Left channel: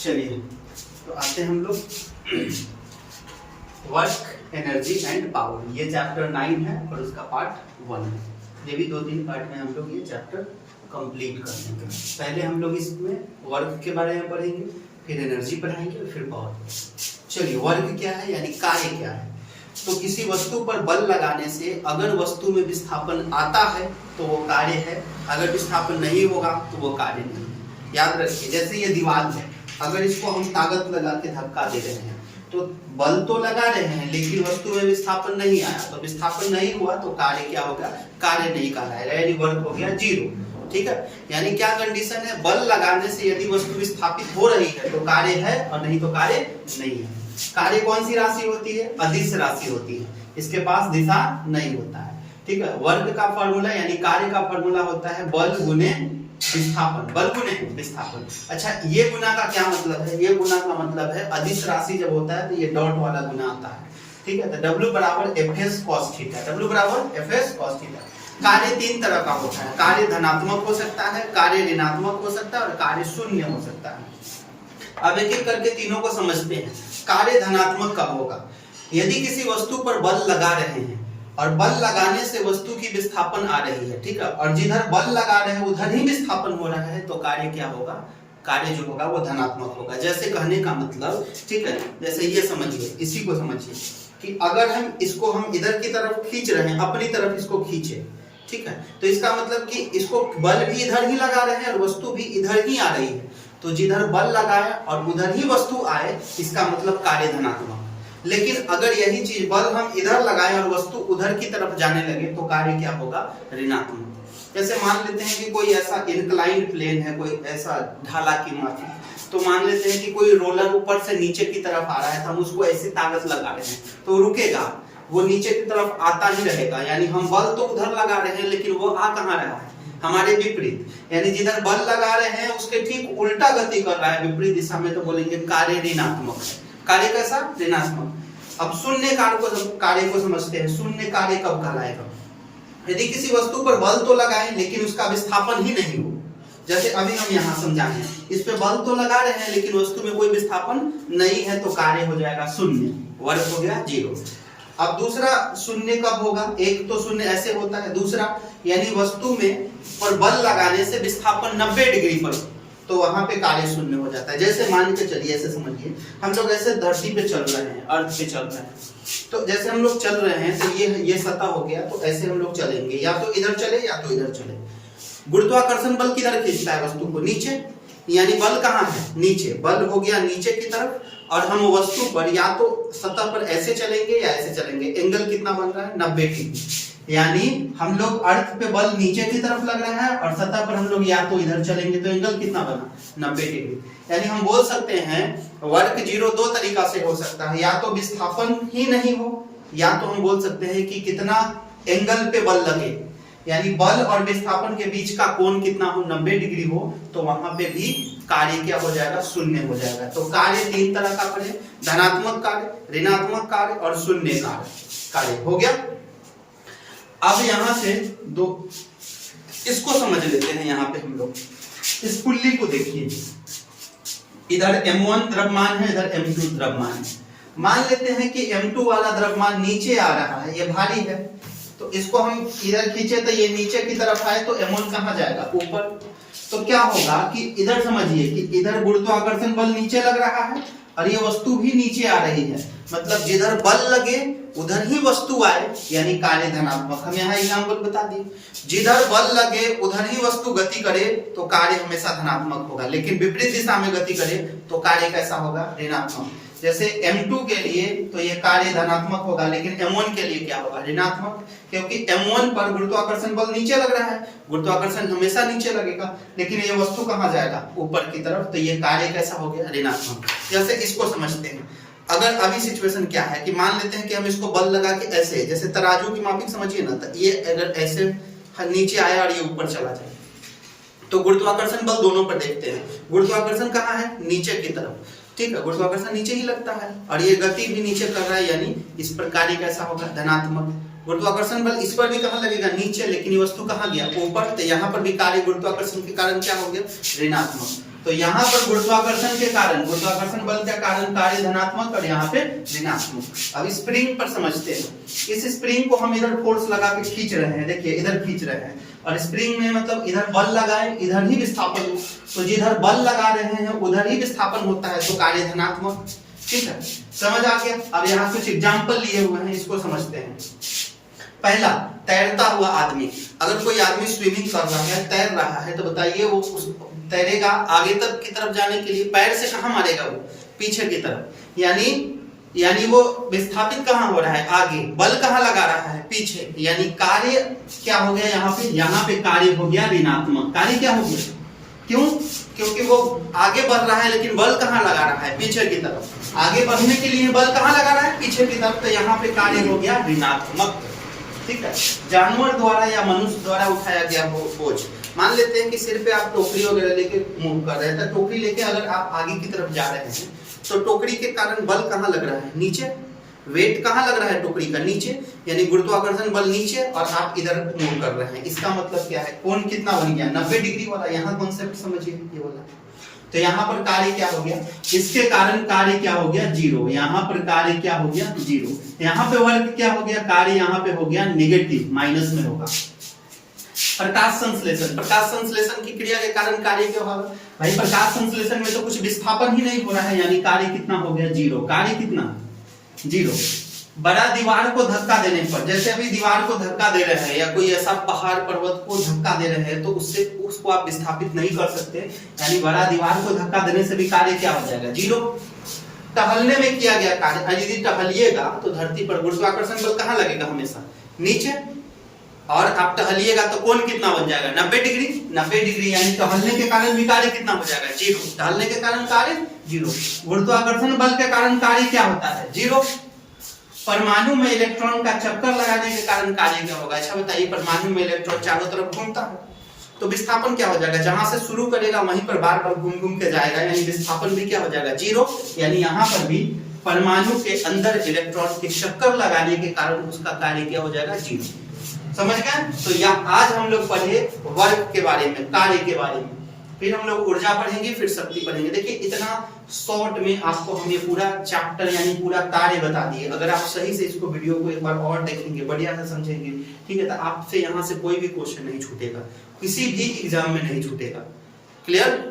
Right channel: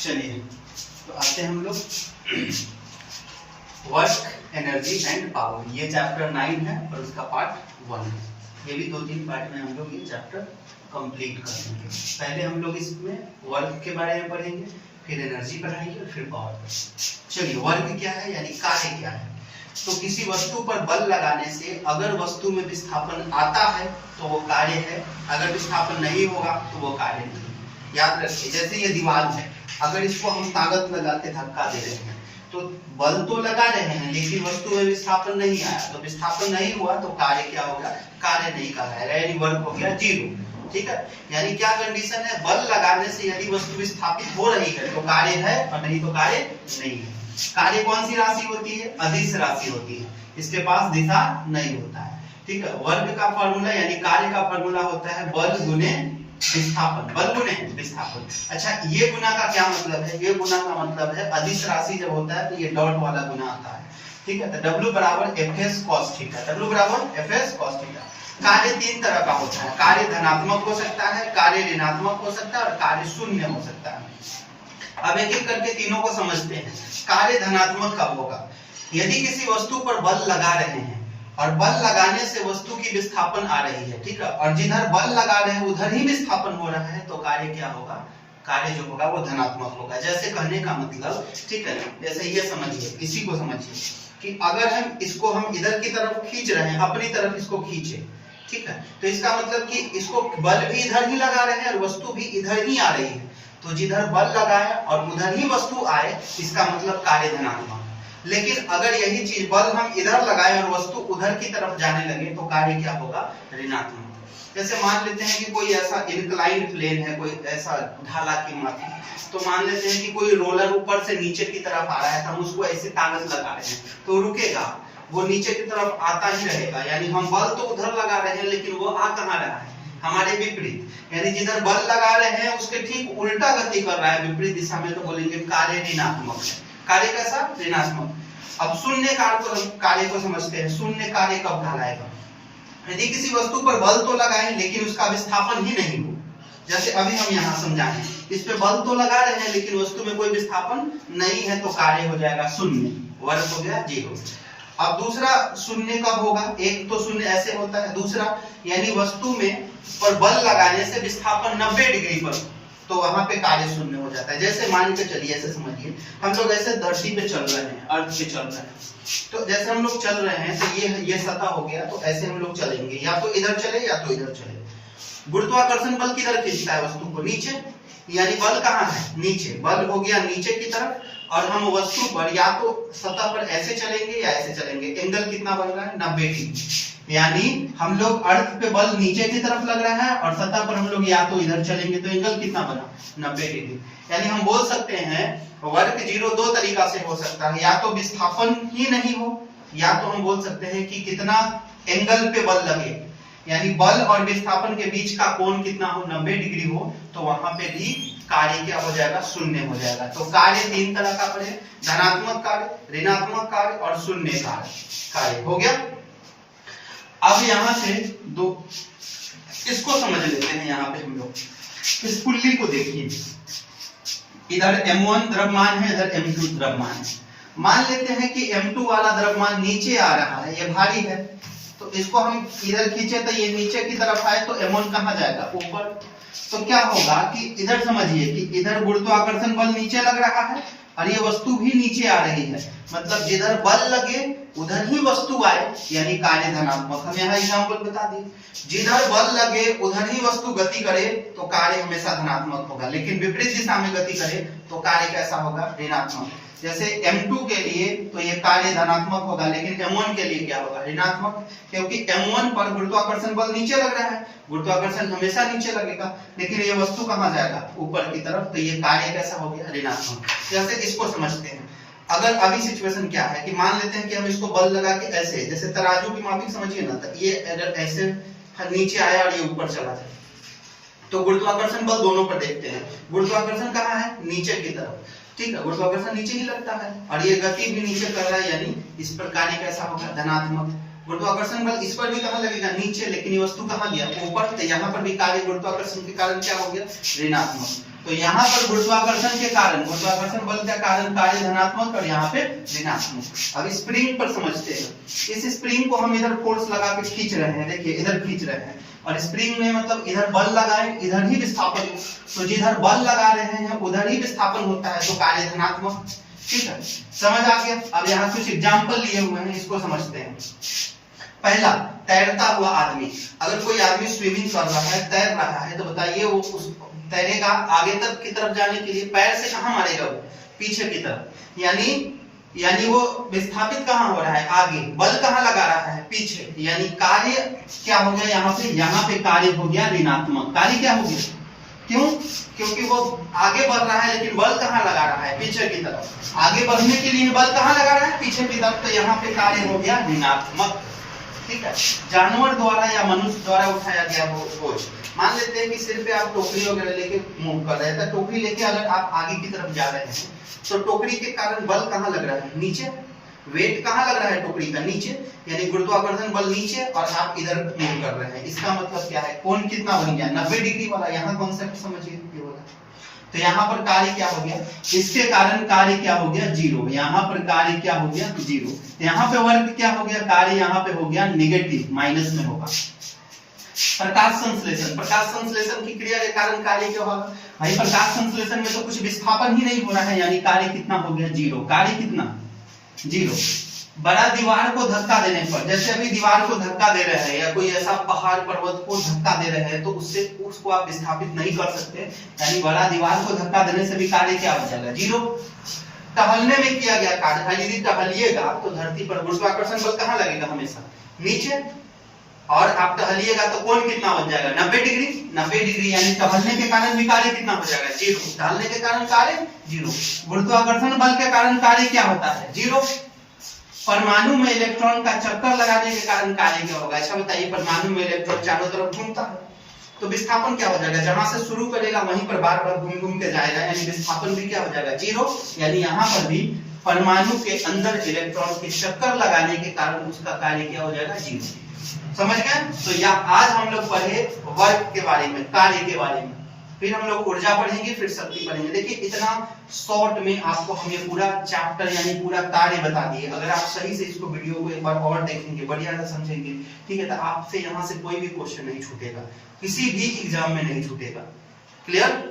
चलिए तो आते हैं हम लोग वर्क, एनर्जी एंड पावर। ये चैप्टर 9 है और उसका पार्ट 1 है। ये भी 2-3 पार्ट में हम लोग ये चैप्टर कंप्लीट करेंगे। पहले हम लोग इसमें वर्क के बारे में पढ़ेंगे, फिर एनर्जी पढ़ाएंगे, फिर पावर। चलिए, वर्क क्या है यानी कार्य क्या है। तो किसी वस्तु पर बल लगाने से अगर वस्तु में विस्थापन आता है तो वो कार्य है, अगर विस्थापन नहीं होगा तो वो कार्य नहीं है। याद रखिए, जैसे ये दीवार है, अगर इसको हम ताकत लगा के धक्का दे रहे हैं तो बल तो लगा रहे हैं लेकिन वस्तु में विस्थापन नहीं आया, तो विस्थापन नहीं हुआ तो कार्य क्या होगा, कार्य नहीं कहलाएगा, यानी वर्क हो गया 0। ठीक है, यानी क्या कंडीशन है, बल लगाने से यदि वस्तु विस्थापित हो रही है तो कार्य है और नहीं तो कार्य नहीं है। कार्य कौन सी राशि होती है, अदिश राशि होती है, इसके पास दिशा नहीं होता है। ठीक है, वर्ग का फॉर्मूला यानी कार्य का फॉर्मूला होता है बल गुने विस्थापन, बल गुने विस्थापन। अच्छा, ये गुना का क्या मतलब है, ये गुना का मतलब है अदिश राशि जब होता है तो ये डॉट वाला गुना आता है। ठीक है, तो W बराबर Fs cos थीटा, W बराबर Fs cos थीटा। कार्य 3 तरह का होता है, कार्य धनात्मक हो सकता है, कार्य ऋणात्मक हो सकता है और कार्य शून्य हो सकता है। अब एक एक करके तीनों को समझते हैं। कार्य धनात्मक कब होगा, यदि किसी वस्तु पर बल लगा रहे हैं और बल लगाने से वस्तु की विस्थापन आ रही है, ठीक है, और जिधर बल लगा रहे हैं उधर ही विस्थापन हो रहा है तो कार्य क्या होगा, कार्य जो होगा वो धनात्मक होगा। जैसे कहने का मतलब, ठीक है, जैसे ये समझिए, इसी को समझिए कि अगर हम इसको हम इधर की तरफ खींच रहे हैं, अपनी तरफ इसको खींचे, ठीक है, तो इसका मतलब कि इसको बल भी इधर ही लगा रहे हैं और वस्तु भी इधर ही आ रही है, तो जिधर बल लगाए और उधर ही वस्तु आए, इसका मतलब कार्य धनात्मक। लेकिन अगर यही चीज बल हम इधर लगाए और वस्तु उधर की तरफ जाने लगे तो कार्य क्या होगा, ऋणात्मक। जैसे मान लेते हैं कि कोई ऐसा इंक्लाइन प्लेन है, कोई ऐसा ढाला की माफी, तो मान लेते हैं कि कोई रोलर ऊपर से नीचे की तरफ आ रहा है, तो हम उसको ऐसे ताकत लगा रहे हैं तो रुकेगा, वो नीचे की तरफ आता ही रहेगा, यानी हम बल तो उधर लगा रहे हैं लेकिन वो आ कहाँ रहा है, हमारे विपरीत, यानी जिधर बल लगा रहे हैं उसके ठीक उल्टा गति कर रहा है, विपरीत दिशा में, तो बोलेंगे कार्य ऋणात्मक है। कार्य कैसा, ऋणात्मक। अब शून्य कार्य को समझते हैं। शून्य कार्य कब कहलाएगा, यदि किसी वस्तु पर बल तो लगाएं लेकिन उसका विस्थापन ही नहीं हो। जैसे अभी हम यहाँ समझाएं, इस पे बल तो लगा रहे हैं लेकिन वस्तु में कोई विस्थापन नहीं है तो कार्य हो जाएगा शून्य, वर्ग हो गया 0। अब दूसरा शून्य कब होगा, एक तो शून्य ऐसे होता है, दूसरा यानी वस्तु में पर बल लगाने से विस्थापन 90 डिग्री पर, तो वहां पे कार्य शून्य हो जाता है। जैसे मान के चलिए, ऐसे समझिए, हम लोग ऐसे धरती पे चल रहे हैं, अर्थ पे चल रहे हैं, तो जैसे हम लोग चल रहे हैं तो ये सतह हो गया, तो ऐसे हम लोग चलेंगे, या तो इधर चले या तो इधर चले। गुरुत्वाकर्षण बल किधर खींचता है वस्तु को, नीचे, यानी बल कहाँ है, नीचे, बल हो गया नीचे की तरफ, और हम वस्तु पर या तो सतह पर ऐसे चलेंगे या ऐसे चलेंगे। एंगल कितना बन रहा है, 90 डिग्री, यानी हम लोग अर्थ पे बल नीचे की तरफ लग रहा है और सतह पर हम लोग या तो इधर चलेंगे, तो एंगल कितना बना, 90 डिग्री। यानी हम बोल सकते हैं वर्ग 0 दो तरीका से हो सकता है, या तो विस्थापन ही नहीं हो, या तो हम बोल सकते हैं कि कितना एंगल पे बल लगे, यानी बल और विस्थापन के बीच का कोण कितना हो, 90 डिग्री हो, तो वहां पे भी कार्य क्या हो जाएगा, शून्य हो जाएगा। तो कार्य 3 तरह का पड़े, धनात्मक कार्य, ऋणात्मक कार्य और शून्य कार्य हो गया। अब यहां से दो इसको समझ लेते हैं। यहाँ पे हम लोग इस पुल्ली को देखिए, इधर M1 द्रव्यमान है, इधर M2 द्रव्यमान है। मान लेते हैं कि M2 वाला द्रव्यमान नीचे आ रहा है, ये भारी है, तो इसको हम इधर खींचे तो ये नीचे की तरफ आए तो M1 कहाँ जाएगा, ऊपर। तो क्या होगा कि इधर समझिए कि इधर गुरुत्वाकर्षण बल नीचे लग रहा है और ये वस्तु भी नीचे आ रही है, मतलब जिधर बल लगे उधर ही वस्तु आए, यानी कार्य धनात्मक। हम यहाँ एग्जाम्पल बता दिए, जिधर बल लगे उधर ही वस्तु गति करे तो कार्य हमेशा धनात्मक होगा, लेकिन विपरीत दिशा में गति करे तो कार्य कैसा होगा, ऋणात्मक। जैसे M2 के लिए तो ये कार्य धनात्मक होगा, लेकिन M1 के लिए क्या होगा, ऋणात्मक, क्योंकि M1 पर गुरुत्वाकर्षण बल नीचे लग रहा है, गुरुत्वाकर्षण हमेशा नीचे लगेगा, लेकिन ये वस्तु कहाँ जाएगा, ऊपर की तरफ, तो ये कार्य कैसा हो गया, ऋणात्मक। जैसे इसको समझते हैं, अगर अभी सिचुएशन क्या है कि मान लेते हैं कि हम इसको बल लगा के ऐसे, जैसे तराजू की मापिक समझिए ना, तो ये अगर ऐसे नीचे आया और ये ऊपर चला जाए, तो गुरुत्वाकर्षण बल दोनों पर देखते हैं, गुरुत्वाकर्षण कहाँ है, नीचे की तरफ, ठीक है, गुरुत्वाकर्षण नीचे ही लगता है और ये गति भी नीचे कर रहा है, यानी इस पर कार्य कैसा होगा, धनात्मक। गुरुत्वाकर्षण बल इस पर भी कहाँ लगेगा, नीचे, लेकिन ये वस्तु कहाँ गया, ऊपर, तो यहाँ पर भी कार्य गुरुत्वाकर्षण के कारण क्या हो गया, ऋणात्मक। तो यहाँ पर गुरुत्वाकर्षण के कारण, गुरुत्वाकर्षण बल के कारण कार्य धनात्मक और यहाँ पे ऋणात्मक। अब स्प्रिंग पर समझते हैं। इस स्प्रिंग को हम इधर फोर्स लगा के खींच रहे हैं, देखिए इधर खींच रहे हैं, और स्प्रिंग में मतलब इधर बल लगाए इधर ही विस्थापन हो, तो जिधर बल लगा रहे हैं उधर ही विस्थापन होता है, तो कार्य धनात्मक। ठीक है, समझ आ गया। अब यहाँ कुछ एग्जाम्पल लिए हुए हैं, इसको समझते हैं। पहला, तैरता हुआ आदमी। अगर कोई आदमी स्विमिंग कर रहा है, तैर रहा है, तो बताइए वो तैरेगा आगे तक की तरफ जाने के लिए, पैर से कहाँ मारेगा वो, पीछे की तरफ, यानी वो विस्थापित कहाँ हो रहा है, आगे। बल कहाँ लगा रहा है, पीछे। यानी कार्य क्या हो गया यहाँ पे कार्य हो गया ऋणात्मक। कार्य क्या हो गया, क्यों? क्योंकि वो आगे बढ़ रहा है, लेकिन बल कहाँ लगा रहा है, पीछे की तरफ। आगे बढ़ने के लिए बल कहाँ लगा रहा है, पीछे की तरफ, तो यहाँ पे कार्य हो गया ऋणात्मक। ठीक है, जानवर द्वारा या मनुष्य द्वारा उठाया गया बोझ। मान लेते हैं कि सिर पे आप टोकरी वगैरह लेके मूव कर रहे हैं, तो टोकरी लेके अगर आप आगे की तरफ जा रहे हैं, तो टोकरी के कारण बल कहाँ लग रहा है, नीचे। वेट कहाँ लग रहा है, टोकरी का नीचे, यानी गुरुत्वाकर्षण बल नीचे, और आप इधर मूव कर रहे हैं। इसका मतलब क्या है, कोण कितना बन गया, 90 डिग्री वाला। यहाँ कॉन्सेप्ट समझिए, ये वाला। तो यहाँ पर कार्य क्या हो गया, इसके कारण कार्य क्या हो गया, 0। यहाँ पर कार्य क्या हो गया, 0। यहाँ पे वर्ग क्या हो गया, कार्य यहाँ पे हो गया नेगेटिव, माइनस में होगा। प्रकाश संश्लेषण, प्रकाश संश्लेषण की क्रिया के कारण कार्य क्या होगा भाई, प्रकाश संश्लेषण में तो कुछ विस्थापन ही नहीं हो रहा है, यानी कार्य कितना हो गया, 0। कार्य कितना, 0। बड़ा दीवार को धक्का देने पर, जैसे अभी दीवार को धक्का दे रहे हैं, या कोई ऐसा पहाड़ पर्वत को धक्का दे रहे हैं, तो उसको आप विस्थापित नहीं कर सकते, यानी बड़ा दीवार को धक्का देने से भी कार्य क्या हो जाएगा, 0। टहलने में किया गया कार्य, यदि टहलिएगा तो धरती पर गुरुत्वाकर्षण बल कहाँ लगेगा, हमेशा नीचे, और आप टहलिएगा तो कोण कितना बन जाएगा, 90 डिग्री। 90 डिग्री, यानी टहलने के कारण भी कार्य कितना हो जाएगा, 0। टहलने के कारण कार्य 0। गुरुत्वाकर्षण बल के कारण कार्य क्या होता है, 0। परमाणु में इलेक्ट्रॉन का चक्कर लगाने के कारण कार्य क्या होगा, अच्छा बताइए। परमाणु में इलेक्ट्रॉन चारों तरफ घूमता है, तो विस्थापन क्या हो जाएगा, जहां से शुरू करेगा वहीं पर बार बार घूम घूम के जाएगा, यानी विस्थापन भी क्या हो जाएगा, 0। यानी यहाँ पर भी परमाणु के अंदर इलेक्ट्रॉन के चक्कर लगाने के कारण उसका कार्य क्या हो जाएगा, 0। समझ गए। तो यह आज हम लोग पढ़े वर्क के बारे में, कार्य के बारे में, फिर हम लोग ऊर्जा पढ़ेंगे, फिर शक्ति पढ़ेंगे। देखिए इतना शॉर्ट में आपको हम ये पूरा चैप्टर यानी पूरा कार्य बता दिए। अगर आप सही से इसको वीडियो को एक बार और देखेंगे, बढ़िया से समझेंगे, ठीक है, तो आपसे यहाँ से कोई भी क्वेश्चन नहीं छूटेगा, किसी भी एग्जाम में नहीं छूटेगा। क्लियर।